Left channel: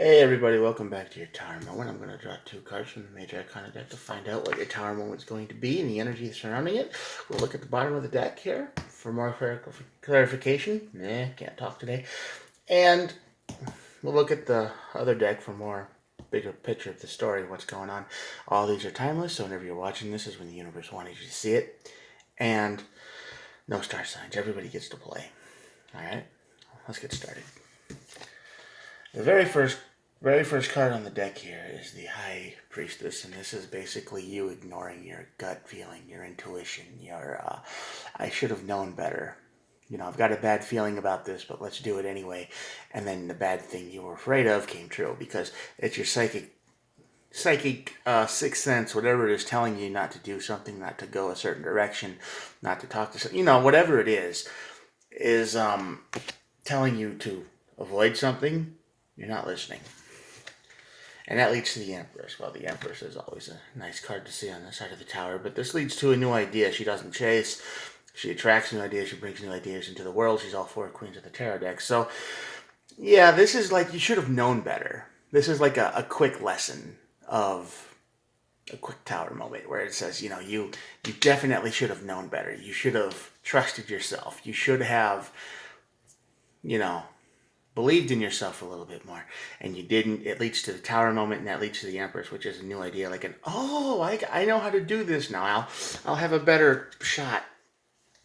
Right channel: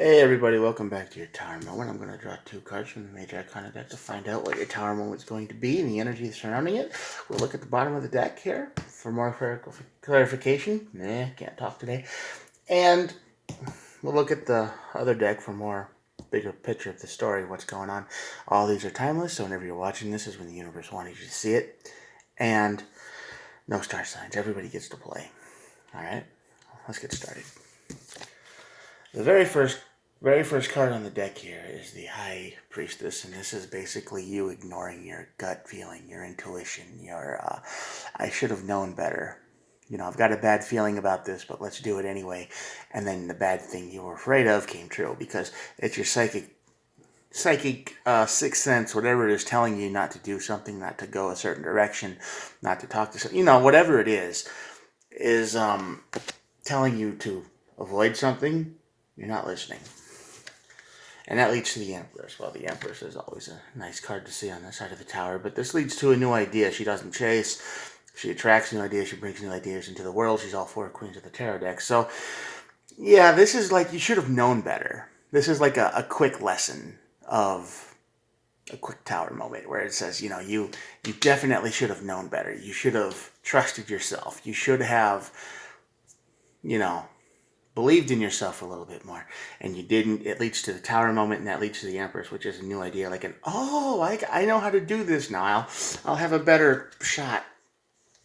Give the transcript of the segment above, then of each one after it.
Hey everybody, welcome back to your tower moment. I'm going to draw two cards from the Major Arcana deck to find out what your tower moment is going to be and the energy surrounding it. We'll look at the bottom of the deck here for more clarification. Can't talk today. And we'll look at the other deck for more bigger picture of the story, what's going on. All these are timeless, so whenever you're watching this is when the universe wanted you to see it. And no star signs. Everybody gets to play. Alright, let's get started. The very first card on the deck here is the High Priestess, and this is basically you ignoring your gut feeling, your intuition, your I should have known better. You know, I've got a bad feeling about this, but let's do it anyway. And then the bad thing you were afraid of came true because it's your psychic sixth sense, whatever it is, telling you not to do something, not to go a certain direction, not to talk to, whatever it is telling you to avoid something. You're not listening. And that leads to the Empress. Well, the Empress is always a nice card to see on the side of the tower, but this leads to a new idea. She doesn't chase. She attracts new ideas. She brings new ideas into the world. She's all four Queens of the Tarot deck. So, yeah, this is like you should have known better. This is like a quick lesson of a quick tower moment where it says, you definitely should have known better. You should have trusted yourself. You should have, you know, believed in yourself a little bit more, and you didn't. It leads to the tower moment, and that leads to the Empress, which is a new idea, like I know how to do this now. I'll have a better shot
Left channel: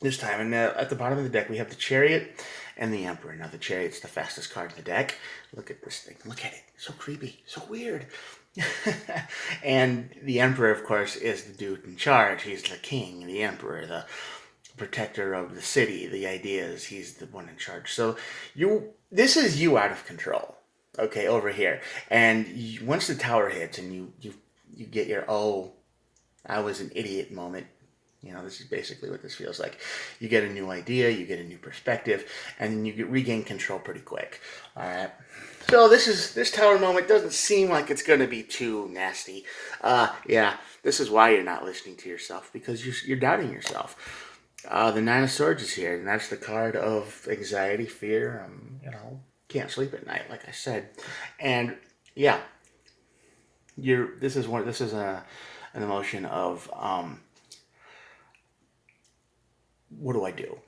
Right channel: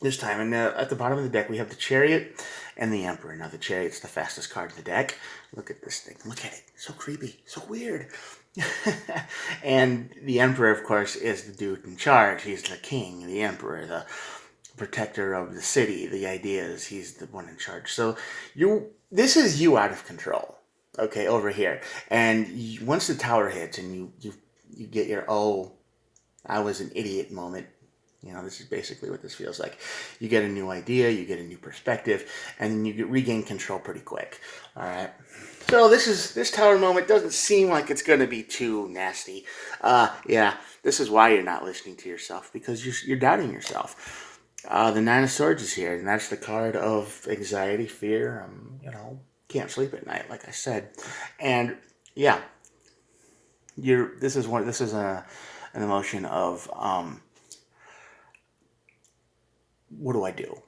this time. And at the bottom of the deck we have the Chariot and the Emperor. Now the Chariot's the fastest card in the deck. Look at this thing. Look at it. So creepy. So weird. And the Emperor, of course, is the dude in charge. He's the king, the Emperor, the protector of the city. The idea is he's the one in charge. So this is you out of control, okay, over here. And once the tower hits and you get your I was an idiot moment. This is basically what this feels like. You get a new idea, you get a new perspective, and you regain control pretty quick. All right. So this tower moment doesn't seem like it's going to be too nasty. Yeah, this is why you're not listening to yourself, because you're doubting yourself. The Nine of Swords is here, and that's the card of anxiety, fear. Can't sleep at night, like I said, and yeah, This is an emotion of what do I do?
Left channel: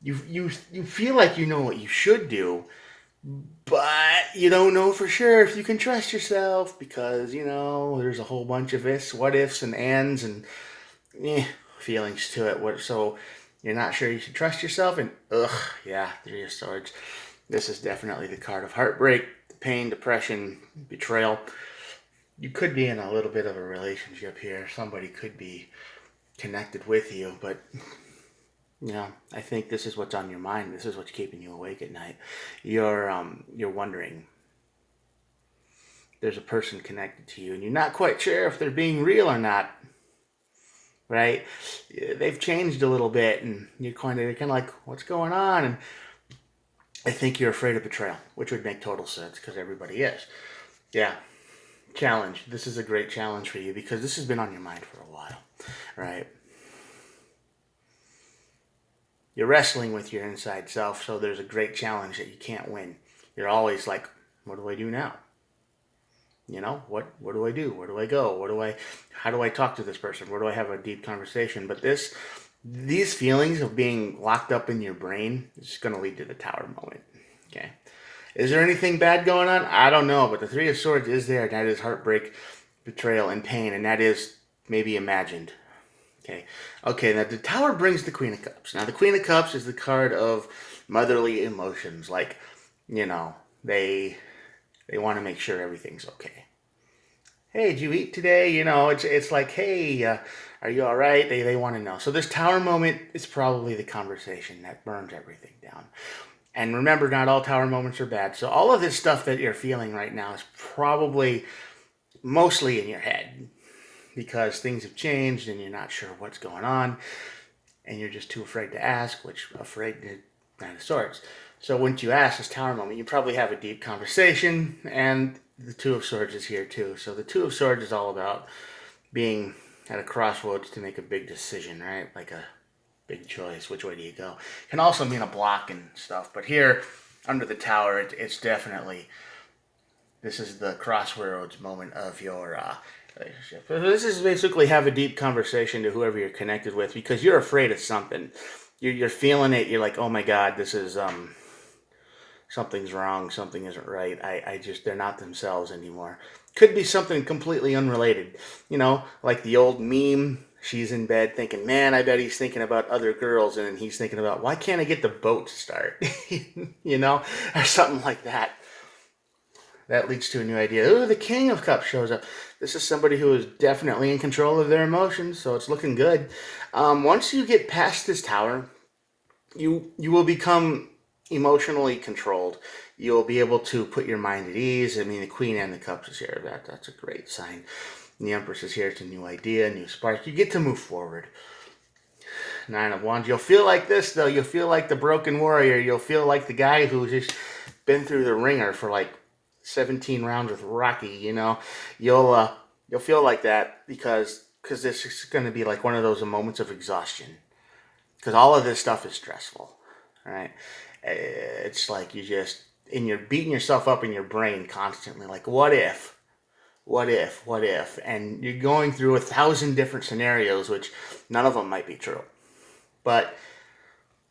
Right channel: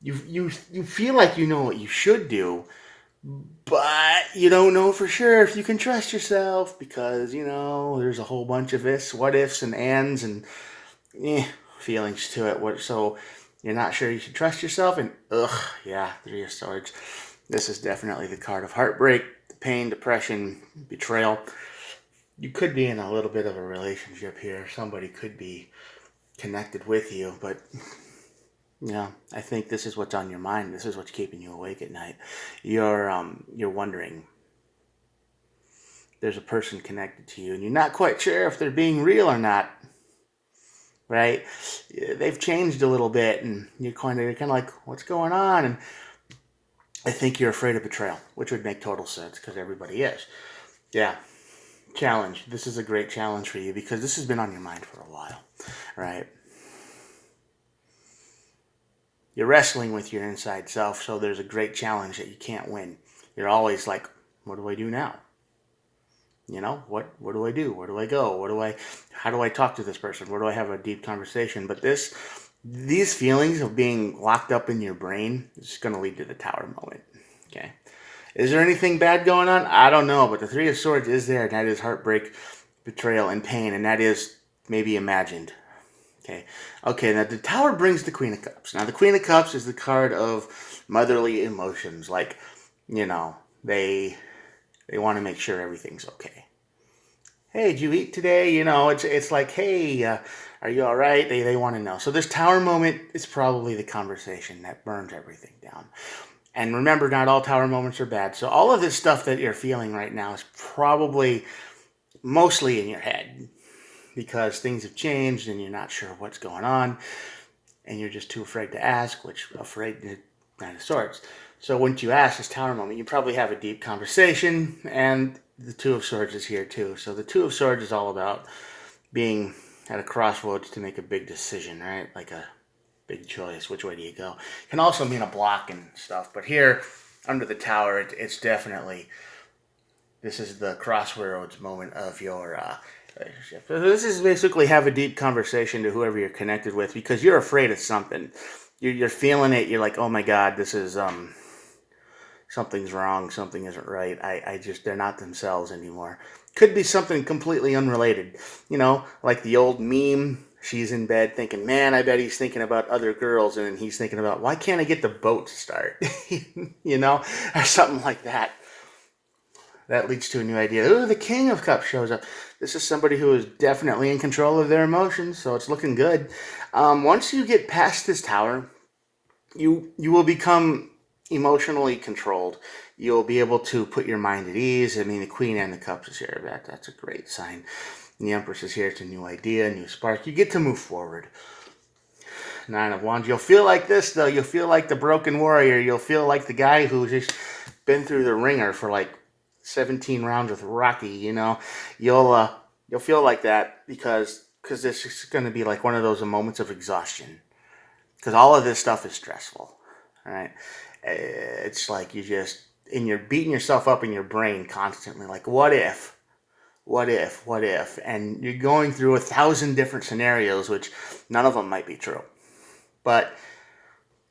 You feel like you know what you should do, but you don't know for sure if you can trust yourself because there's a whole bunch of ifs, what ifs, and ands, and feelings to it. So you're not sure you should trust yourself, and yeah, Three of Swords. This is definitely the card of heartbreak, pain, depression, betrayal. You could be in a little bit of a relationship here. Somebody could be connected with you, but I think this is what's on your mind. This is what's keeping you awake at night. You're wondering. There's a person connected to you, and you're not quite sure if they're being real or not. Right? They've changed a little bit, and you're kind of like, what's going on? And I think you're afraid of betrayal, which would make total sense because everybody is. Yeah. Challenge. This is a great challenge for you because this has been on your mind for a while, right? You're wrestling with your inside self, so there's a great challenge that you can't win. You're always like, what do I do now? What do I do? Where do I go? How do I talk to this person? Where do I have a deep conversation? But these feelings of being locked up in your brain is going to lead to the tower moment. Okay. Is there anything bad going on? I don't know, but the Three of Swords is there, and that is heartbreak, betrayal, and pain, and that is maybe imagined. Okay, now the Tower brings the Queen of Cups. Now the Queen of Cups is the card of motherly emotions, like, they want to make sure everything's okay. Hey, did you eat today? It's like, hey, are you all right? They want to know. So this Tower moment is probably the conversation that burns everything down. And remember, not all tower moments are bad. So all of this stuff that you're feeling right now is probably mostly in your head because things have changed and you're not sure what's going on and you're just too afraid to ask, which afraid to Nine of Swords. So once you ask this tower moment, you probably have a deep conversation, and the Two of Swords is here too. So the Two of Swords is all about being at a crossroads to make a big decision, right? Like a big choice. Which way do you go? Can also mean a block and stuff. But here, under the tower, it's definitely This is the crossroads moment of your relationship. So this is basically have a deep conversation to whoever you're connected with because you're afraid of something. You're feeling it. You're like, oh my God, this is something's wrong. Something isn't right. I just they're not themselves anymore. Could be something completely unrelated. Like the old meme. She's in bed thinking, man, I bet he's thinking about other girls. And then he's thinking about, why can't I get the boat to start? Or something like that. That leads to a new idea. Ooh, the King of Cups shows up. This is somebody who is definitely in control of their emotions, so it's looking good. Once you get past this tower, you will become emotionally controlled. You'll be able to put your mind at ease. I mean, the Queen and the Cups is here. That's a great sign. And the Empress is here. It's a new idea, a new spark. You get to move forward. Nine of Wands. You'll feel like this, though. You'll feel like the broken warrior. You'll feel like the guy who's just been through the ringer for like 17 rounds with Rocky. You'll feel like that because this is going to be like one of those moments of exhaustion. Because all of this stuff is stressful. All right. It's like you're beating yourself up in your brain constantly. Like, what if? What if? What if? And you're going through 1,000 different scenarios, which none of them might be true. But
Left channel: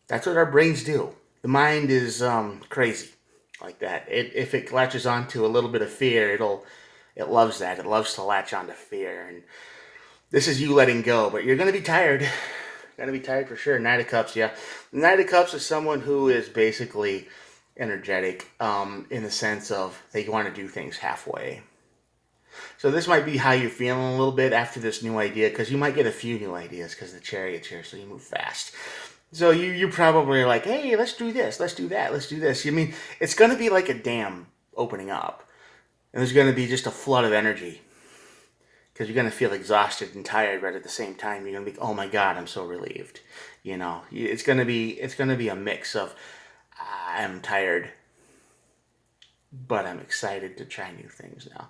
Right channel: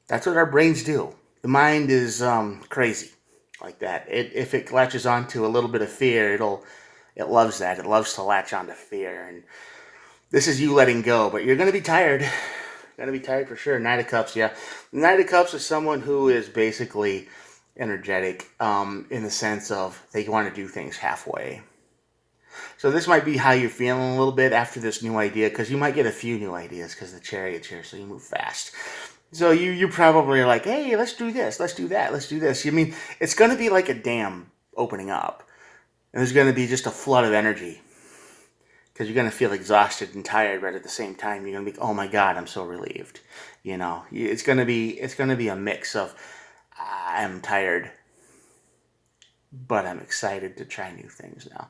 that's what our brains do. The mind is crazy like that. If it latches onto a little bit of fear, it loves that. It loves to latch onto fear. And this is you letting go, but you're going to be tired. Going to be tired for sure. Knight of Cups, yeah. Knight of Cups is someone who is basically energetic in the sense of they want to do things halfway. So this might be how you're feeling a little bit after this new idea, because you might get a few new ideas because the Chariot's here, so you move fast. So you probably are like, hey, let's do this, let's do that, let's do this. I mean, it's going to be like a dam opening up. And there's going to be just a flood of energy. Because you're going to feel exhausted and tired, but at the same time, you're going to be, oh my God, I'm so relieved. It's going to be a mix of, I'm tired, but I'm excited to try new things now.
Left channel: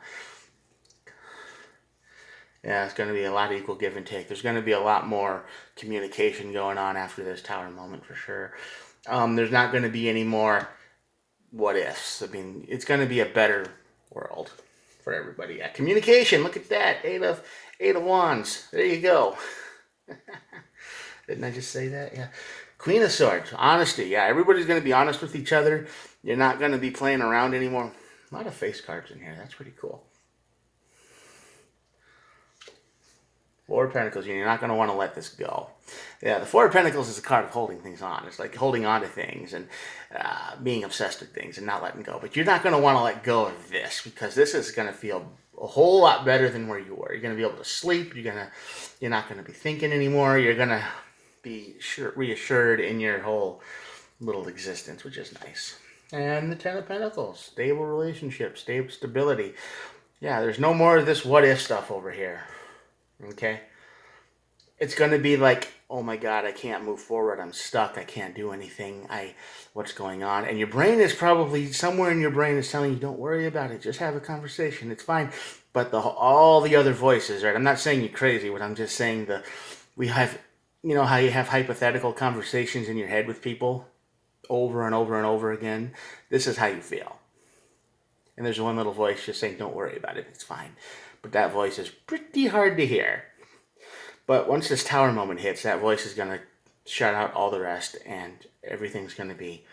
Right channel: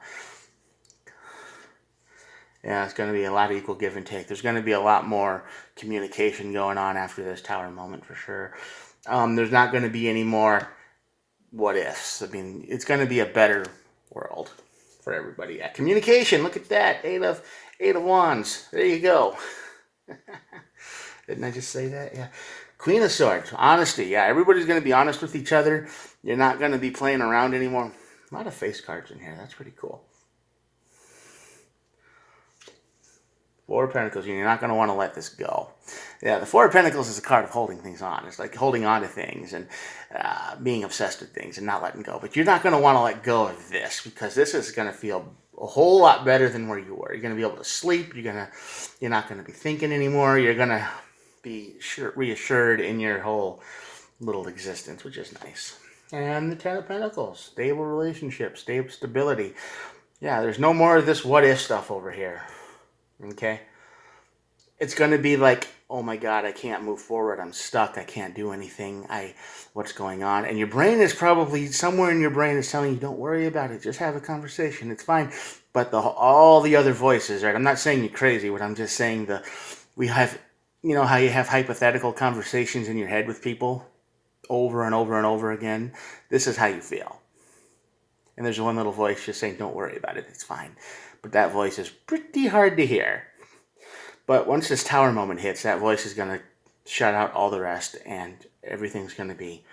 Yeah, it's going to be a lot of equal give and take. There's going to be a lot more communication going on after this tower moment for sure. There's not going to be any more what ifs. I mean, it's going to be a better world for everybody. Yeah, communication. Look at that. Eight of Wands. There you go. Didn't I just say that? Yeah. Queen of Swords. Honesty. Yeah, everybody's going to be honest with each other. You're not going to be playing around anymore. A lot of face cards in here. That's pretty cool. Four of Pentacles. You're not going to want to let this go. Yeah, the Four of Pentacles is a card of holding things on. It's like holding on to things and being obsessed with things and not letting go. But you're not going to want to let go of this because this is going to feel a whole lot better than where you were. You're going to be able to sleep. You're not going to be thinking anymore. You're going to be reassured in your whole little existence, which is nice. And the Ten of Pentacles. Stable relationships. Stable stability. Yeah, there's no more of this what if stuff over here. Okay? It's going to be like, oh my God, I can't move forward. I'm stuck. I can't do anything. What's going on? And your brain is probably, somewhere in your brain is telling you, don't worry about it. Just have a conversation. It's fine. But all the other voices, right? I'm not saying you're crazy, but I'm just saying we have, how you have hypothetical conversations in your head with people over and over and over again. This is how you feel. And there's one little voice just saying, don't worry about it. It's fine. But that voice is pretty hard to hear. But once this tower moment hits, that voice is going to shut out all the rest, and everything's going to be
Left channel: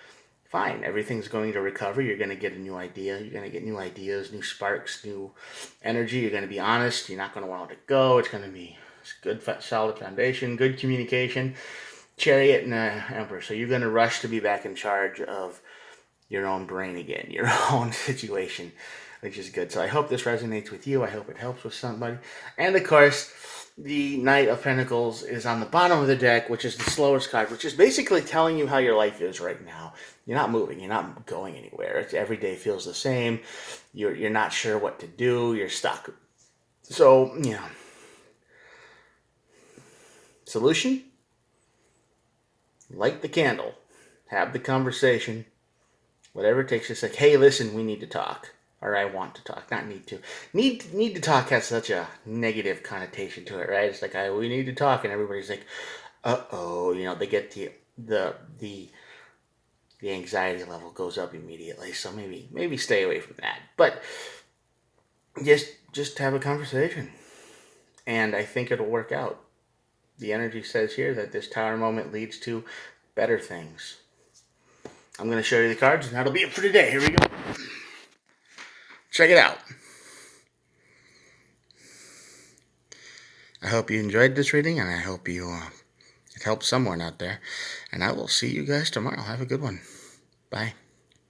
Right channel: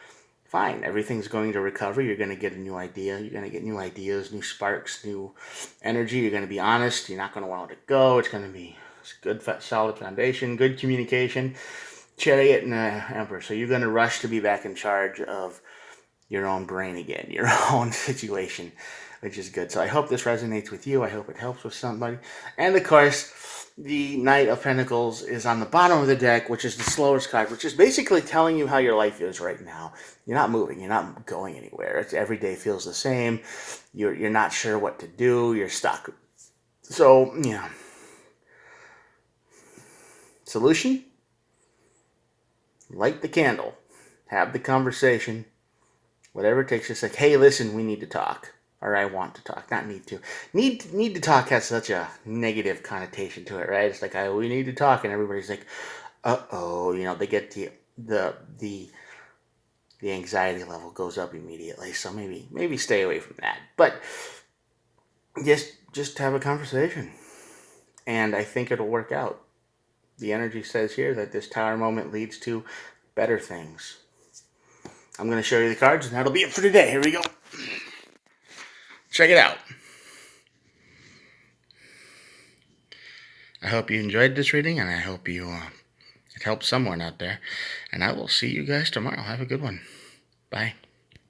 fine. Everything's going to recover. You're going to get a new idea. You're going to get new ideas, new sparks, new energy. You're going to be honest. You're not going to want to let it go. It's going to be good, solid foundation, good communication. Chariot and Emperor. So you're going to rush to be back in charge of your own brain again, your own situation, which is good. So I hope this resonates with you. I hope it helps with somebody. And of course, the Knight of Pentacles is on the bottom of the deck, which is the slowest card, which is basically telling you how your life is right now. You're not moving. You're not going anywhere. Every day feels the same. You're not sure what to do. You're stuck. So, solution? Light the candle. Have the conversation. Whatever it takes. Just like, hey, listen, we need to talk. Or I want to talk, not need to. Need to talk has such a negative connotation to it, right? It's like, we need to talk, and everybody's like, uh-oh. They get the anxiety level goes up immediately. So maybe stay away from that. But just have a conversation. And I think it'll work out. The energy says here that this tower moment leads to better things. I'm going to show you the cards, and that'll be it for today. Here we go. Check it out. I hope you enjoyed this reading, and I hope it helped someone out there. And I will see you guys tomorrow. Have a good one. Bye.